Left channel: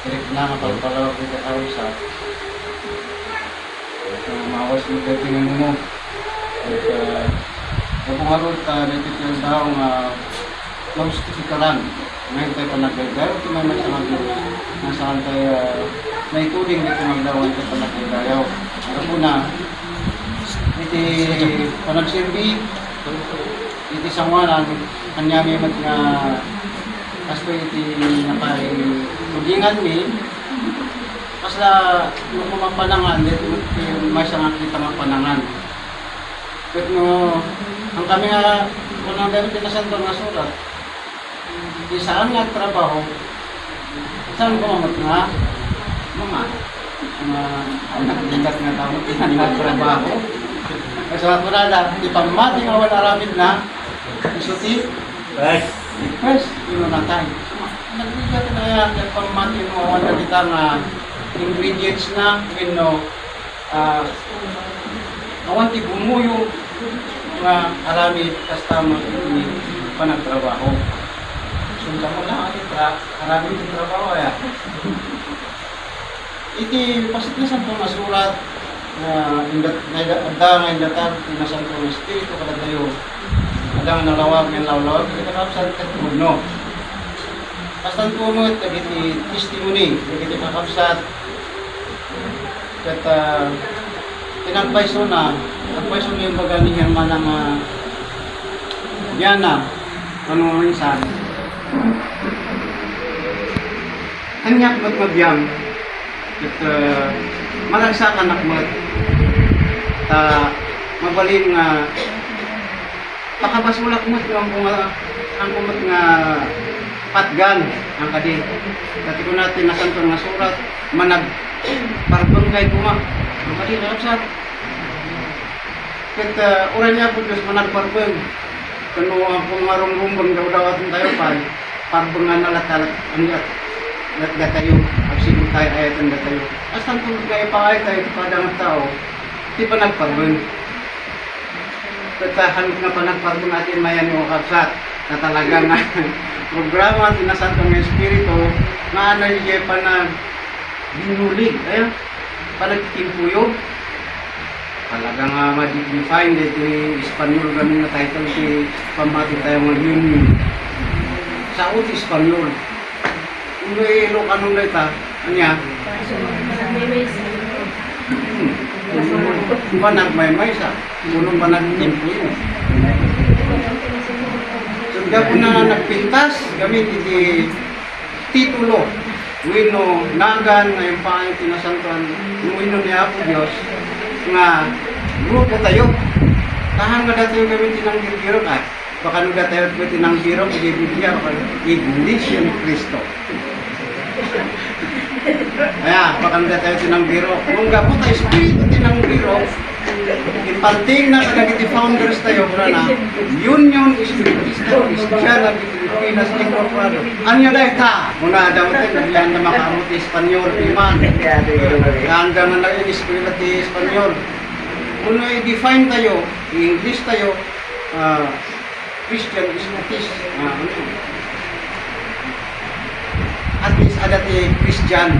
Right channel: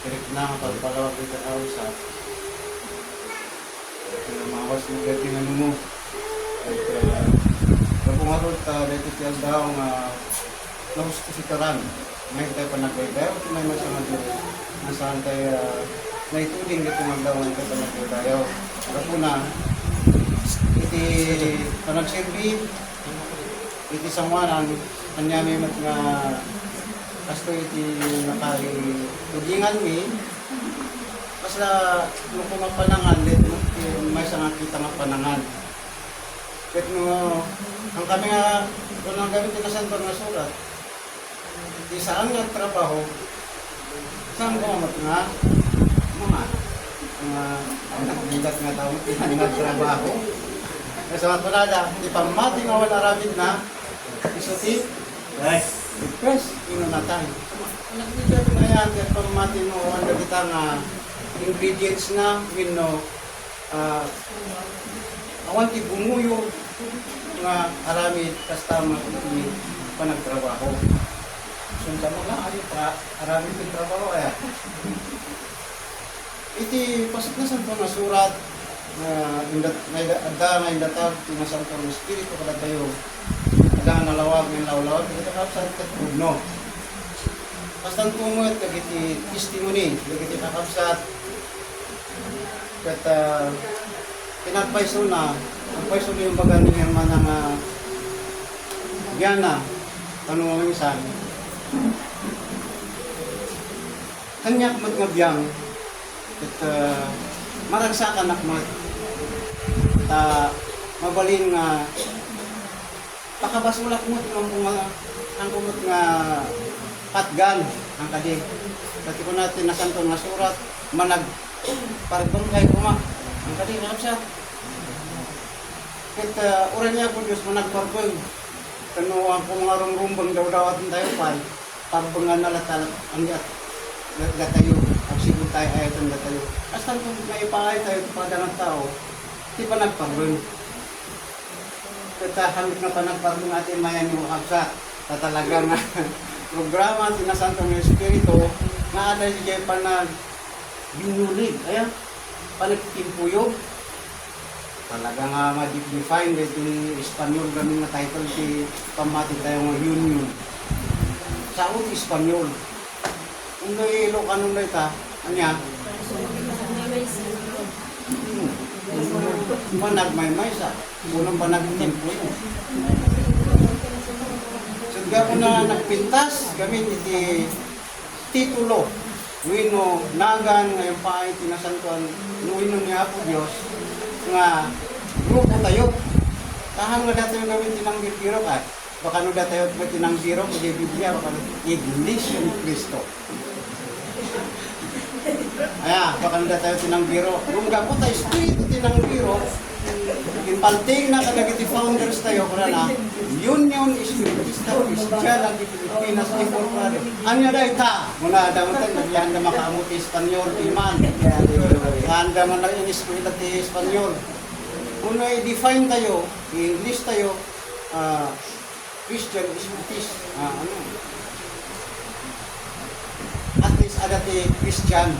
Kaya nakapagpalawag kita kausap. Kaya mawas mo gatingan mo. At kapag harot ka, dito yung tao nga naustifikaran. Ngayon tayo panagaydayo, tinamay sa mga Diyos. Nasaan tayo naituding dito maglawan tayo panagaydayo. Ako na, iti panagsirbi, iti sangwanan, kanyami mat nga asto iti napay-tudingan mi, kasla nung kumapanangan, iti may sangat kita nga panangan. But no, ang kami nga, kung ang gamit na santo nga surat, di saan nga trabaho, saan kumamot nga, mga anak dingat nga tao, tinan nga trabaho. Kasi ako na, di pamati nga wala aramid na, isuti, press, yun na tayo. Nagbigat kaya, di pamati mo, wala kita nga ingredients na, wino, awan ti bumuyo nga aramid customer ini panagtrabaho. Sunta mo na aramid yung trabaho ya. Iti pasit na santo nga surat ada nga indata na santo nga espiritu kada tayo. Ada nga nalawag nga lawlawag kita kapsat ket puno. Pastan puno iti testimony iti kapsat ket in-advise mo na, advise mo yung baga ni Herman ng Diana, ano minsan. Kanyak magmabiyang, at malagsakan nakmat, mabalin nga, pakabas mo lakmat ang kumat nga patgan, ang kadi. Dati ko natin nasanto nga surat, manag parbon kay kuma. Pati na sa ket oran niya po Diyos managparbeng kano ang pumarong-rumbang daw atin tayo pa parbengan alat-alat ang gat tayo agsigo tayo ayatan gat tayo astan kung may paay tayo pada ng tao di pa nagparbeng ket hanap nga panagparbeng atin mayan mo kapsat na talagang programa tinasantong espiritu nga ano yung panag binulig ayan panagtimpuyo talagang ma-define dito Espanyol kami na title ti pamati tayo ng union sa uti Espanyol kung may Ilocano na ita anya panagmaymay sa punong panagtimpuyo so diya po na nagpintas gamit iti titulo wino nagan ngayon pa ay tinasantuan yung wino niya po Diyos nga grupo tayo kahang nga dati yung gawin tinanggir-giro ka baka nung dati yung tinanggiro kaya Biblia baka Iglesia ni Cristo kaya baka nung dati yung tinanggiro kung gapo tayo espiritu tinanggiro inpanting na kanagiti founders tayo na Union Espiritista Cristiana di Pilipinas Incorporado. Anya da ita? Muna daw natin naglaan na makamuti Espanyol iman. Hanggang na in-eskwela ti Espanyol. Muna i-define tayo, i-English tayo, Christian Espiritist. At least ada ti Christian.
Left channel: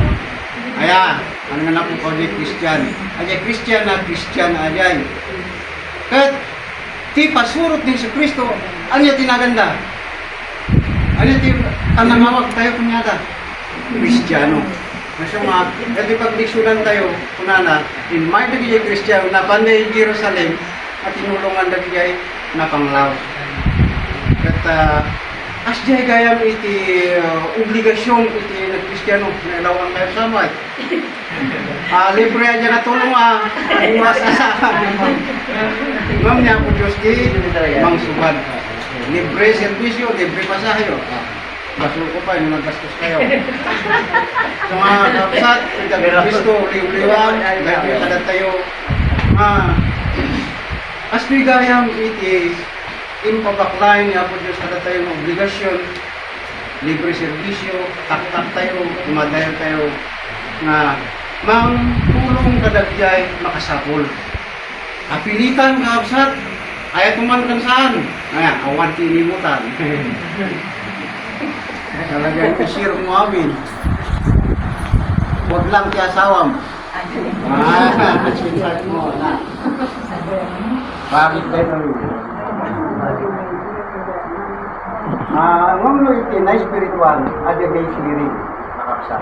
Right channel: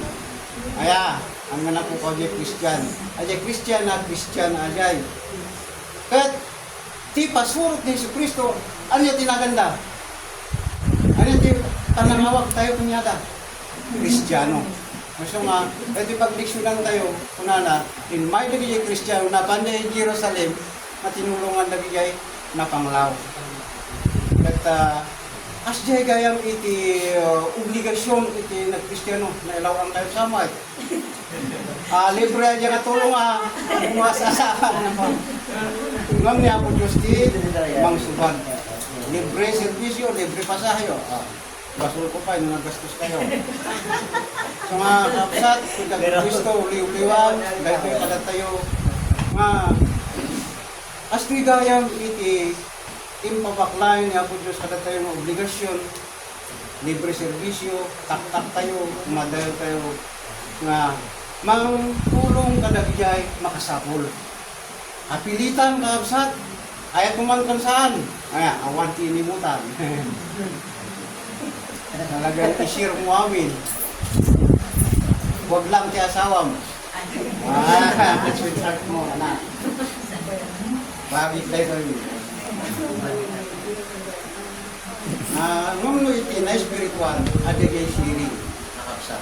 Aya, ano nga na po kaya Christian. Ajay Christian na ajay. Kat, ti pasurot ni Kristo, ano yung tinaganda? Ano yung panangawag tayo kunyata? Kristiyano. Kasi nga, kasi pag-diksunan tayo, kunana, in my nagigay Kristiyano, na panday Jerusalem, at tinulungan nagigay na panglaw. At, asjay gayam iti obligasyon iti nag-Kristiyano, na ilawan tayo sa may. Libre aja na tulong bumas kasama. Ma'am niya po Diyos ki, mang subad. Libre servisyo, libre pasahe. Basur ko pa, yung naggastos kayo. Sa mga kapsat, Kristo, uli-uliwang, dahil kadat tayo. Astoy gayam iti, impabaklain niya po Diyos kadat tayo ng obligasyon, libre servisyo, tak-tak tayo, umadayo tayo, nga mang tulong kadagjay makasapol. Apilitan kapsat, aya't kuman kan saan? Awan tinimutan. Talagang isir mo amin. Huwag lang ti asawam. Sweetheart mo, na. Bakit kayo ngam iti na spiritual, ada kay spirit, nakapsa.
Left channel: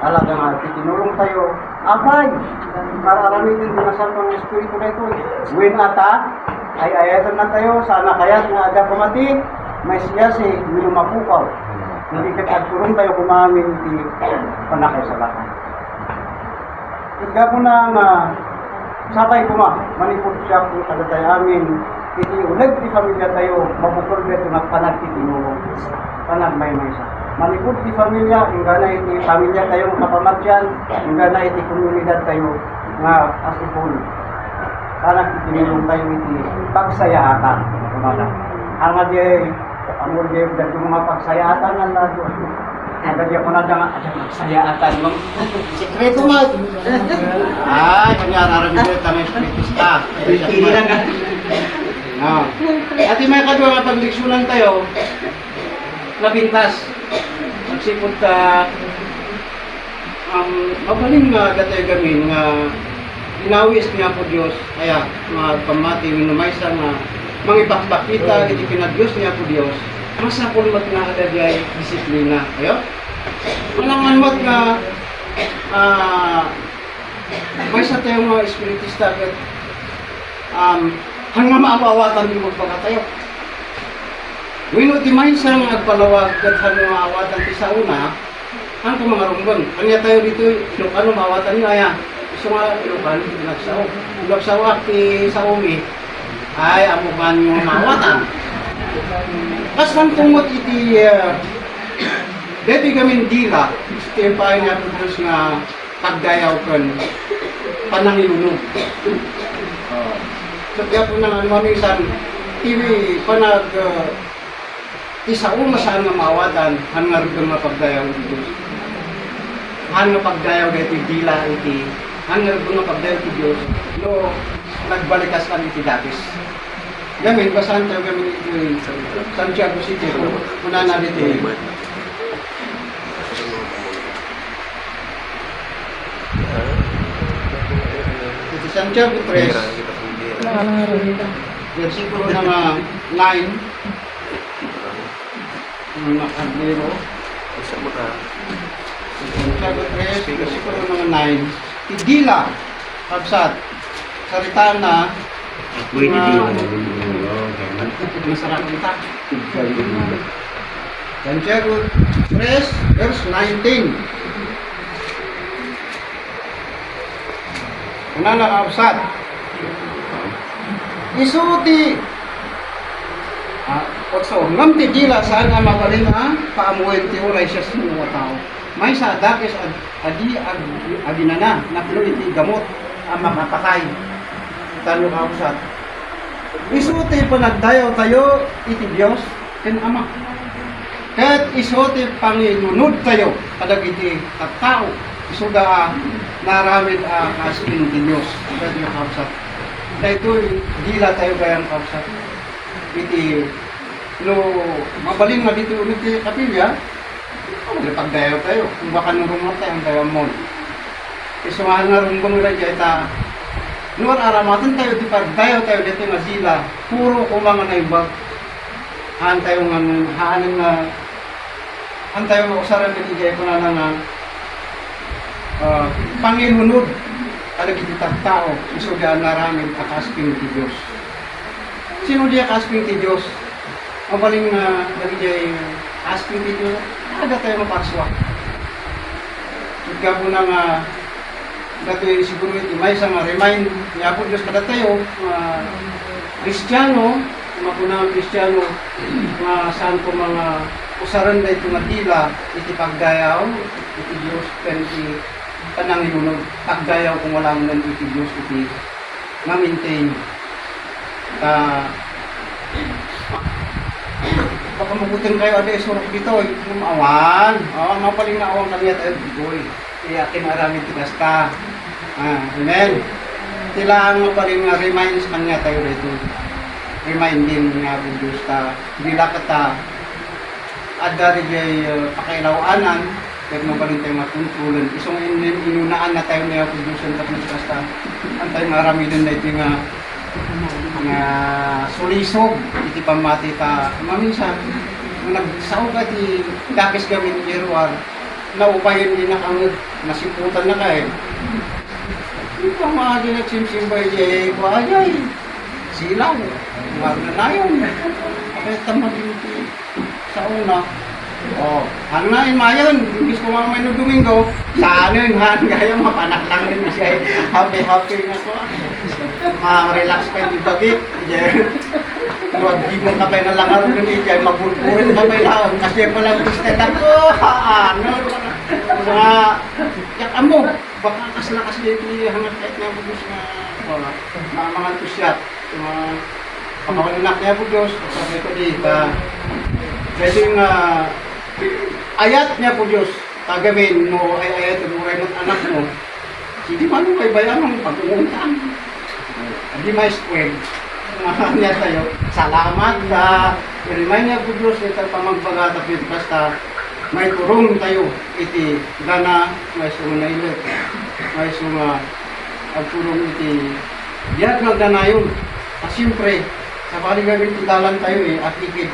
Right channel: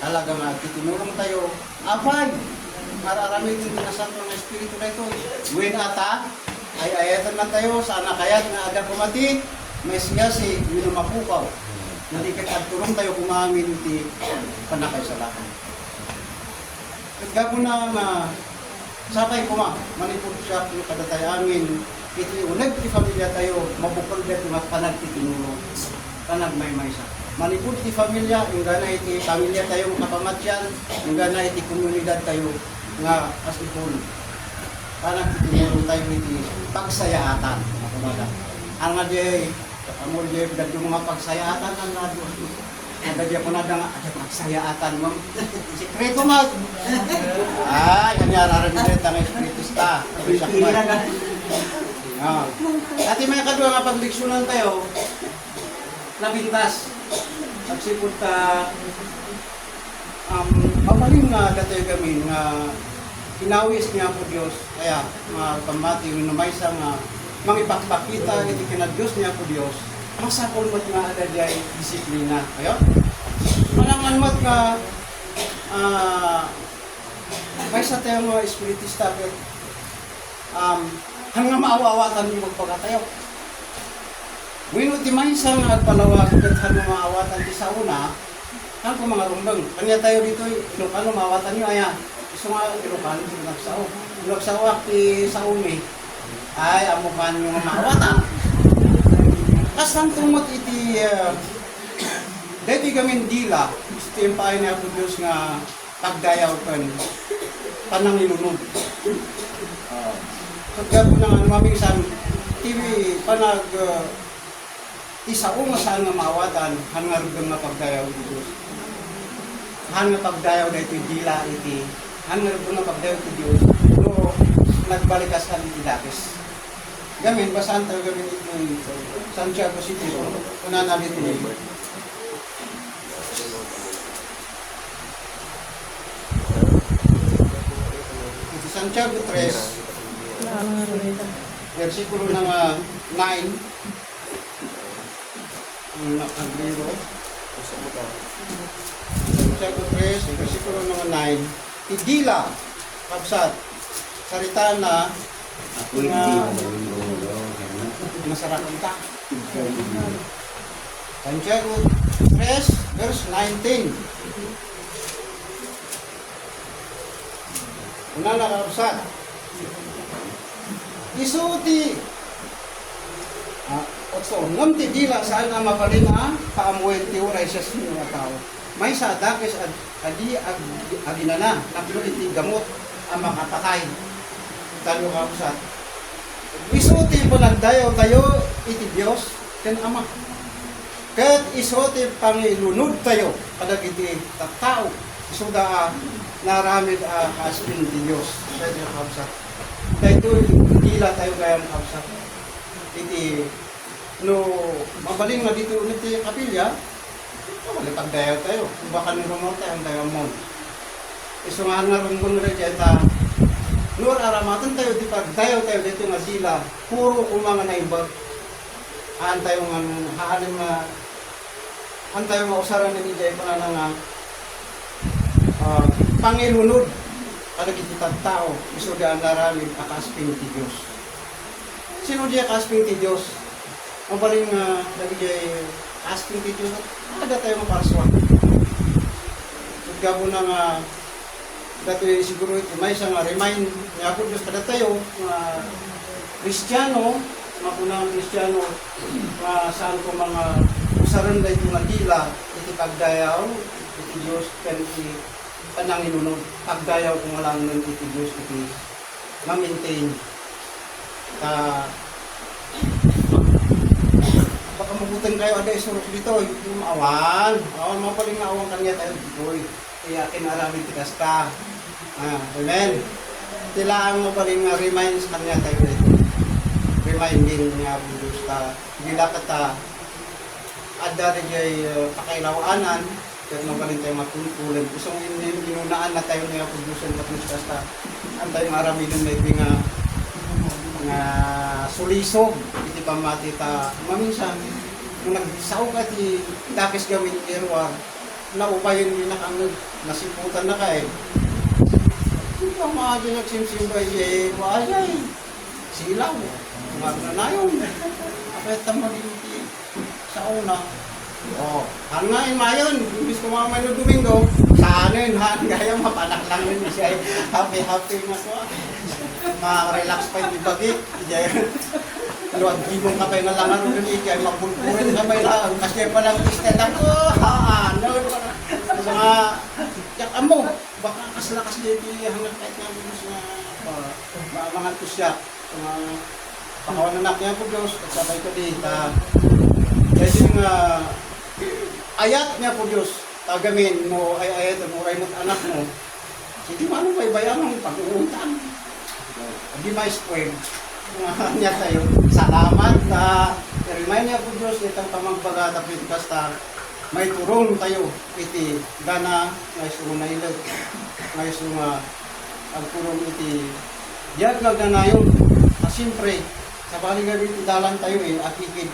Talaga nga, tinulong tayo, apay, mararami din na sa itong espiritu na ito. Win ata, ay ayatan na tayo, sana kaya't nga ada pamati, may siyasi, minumapukaw. Hindi katagturong tayo kumamin ti panakay sa lakay. Kaya po na sabay ko manipod siya kung kada tayo amin, iti unag ti pamilya tayo, mabukol ba ito magpanag ti tinulong. Panag may siya. Manipod ti pamilya, yung gana iti pamilya tayo kapamatyan, yung gana iti komunidad tayo nga as ipon. Panag ti tinulong tayo iti pagsayaatan. Ang nga di, amul di, yung mga pagsayaatan nga na doon. Ada dia pun ada magsayaatan mo. Sikreto mo. Yung araran nito tayo spiritista. Hindi na nga. At may kadwa nga pagdiksyonan tayo, nabintas. Magsipot ka, mabaling nga datoy gamin nga inawis niya po Diyos, kaya pamati, minumaysa nga mangipakpakita, iti pinag-Diyos niya po Diyos, masapol mat nga agad disiplina. Ayo? Walang mat nga may sa tayong mga espiritista at hanggang maawawatan din magpagkatayo. Wino ti maysa nga agpanawag at hanggang maawatan ti sa una, hanggang mga rumbang. Kanya tayo dito, Ilocano, maawatan nga ya. Iso nga Ilocano, pinagsaw. Pinagsawa ti sa umi, ay amukan yung maawatan. Kasan kumot iti deti gamin dila, iti yung pahay nga po Diyos nga pagdayaw kan pananginunog. So kaya po nang mamisan, iti panag isa umasan nga maawatan, hanga rin nga pagdayaw iti Diyos. Hanga pagdayaw iti dila iti, hanga rin nga pagdayaw iti Diyos, no nagbalikas kami iti dapis. Gamin, basahan tayo gamin iti Santiago City, kuna na dito iti Santiago 3, versikulo ng 9, Nakaglero. Santiago 3, versikulo ng 9, Tidila, Kapsat, salita na masarap kita. Santiago 3, verse 19. Una nakapsat. Isuti. Pagso, ngam ti dila saan nga magaling paamuin ti oray siya sa mga tao. May sa dakes adi aginana naklo iti gamot ang makapatay. Talo kapsat. Isuti po nagdayaw tayo iti Diyos ken Ama. Ket isuti pangilunod tayo kadag iti tattao. Isuda naramid kasping ti Diyos. Ket kapsat. Dahito dila tayo gayang kapsat. Iti no mabaling nga dito ulit ti kapilya. Pagdayaw tayo. Kung baka nurungot tayo ang dayaw mo. Isumahan nga runggong nila dyan luar aramatan tayo di pagdayaw tayo dito nga sila puro kumanga na ibag haan tayo nga haanin nga haan tayo mausaran ng ijay ko na nga pangilunod alag iti tao iso di ang naramid akasping ti Diyos. Sino di akasping ti Diyos? Mabaling nga nagijay asping ti Diyos ada tayo maparswak ika po na nga dato yung siguro iti may isang remind niya po Diyos kada tayo Kristiyano, mapunang Kristiyano saan ko mga usaran na ito nagila iti pagdayaw iti Diyos kan iti pananginunog pagdayaw kung wala mo iti Diyos iti ma-maintain pagkamukutin kayo ada isurok dito umawan mapaling na awang kanya tayo dito kaya kinaramin tigas ka. Amen. Kailangan mo pa rin nga reminds kanya tayo nito. Reminding nga po Diyos ta. Hindi lakata at dari jay pakailawanan Meron pa rin tayo mga tungkulan. Isang inunaan na tayo na yung production tapos basta ang tayo nga ramidon na ito nga sulisog. Iti pamati ta. Maminsan, nung nagsaw ka ti tapis gawin irwar, naupayan din na kang nasiputan na kayo. Yung pa mga ginagsimsimbay di kuayay. Silaw. Magna na yun. Kaya tama din sa una. Oh, ano nga yung mayon, ibig ko mamay no Domingo, sa ano yun, gaya mapanak lang rin siya, happy na ko. Relax pa yung ibagit, luwag di mo kapay na lang araw ng ijay, mabulburin kapay lang, kasi palang istetan ko, ano, mga, yak amo, baka kaslakas dito hangat kahit nga bugos na mga entusiat, mga pakawanak niya bugos, at sabay ko dito, kasi yung ayat niya po Diyos, tagamin mo ay ayat mo ay anak mo. Hindi man mo kay bayan mo pagpuntan. Hindi may square. Mahal niya tayo. Salamat ka. I-remind niya po Diyos ito pa magbaga tapit basta may turong tayo. Iti gana may sunga ilat. May sunga ang turong iti. Diyan nga gana yun. Siyempre, sa baligagan dalan tayo at ligid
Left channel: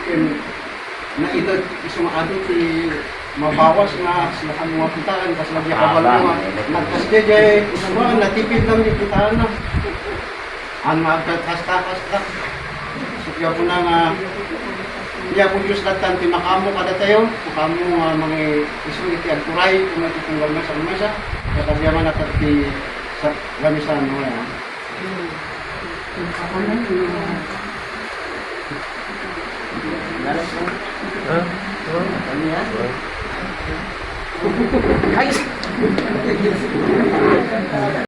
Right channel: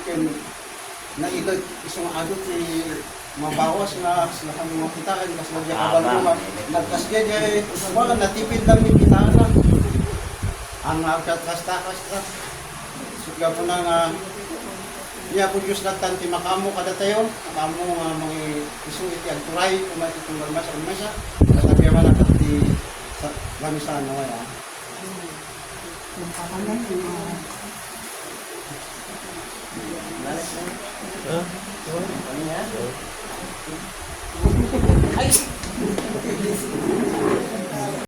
na ilag isang adot mabawas nga sila mga kitaan kasi lagi kabalo nga nagkasjay mga natipid lang yung kitaan na ang kasta sukya po na nga iya po Diyos latan makamo kada tayo makamo mga isang iti agturay kung natitunggal masa katabiyaman at iti sa lamisan no ya yung kapanan Ay!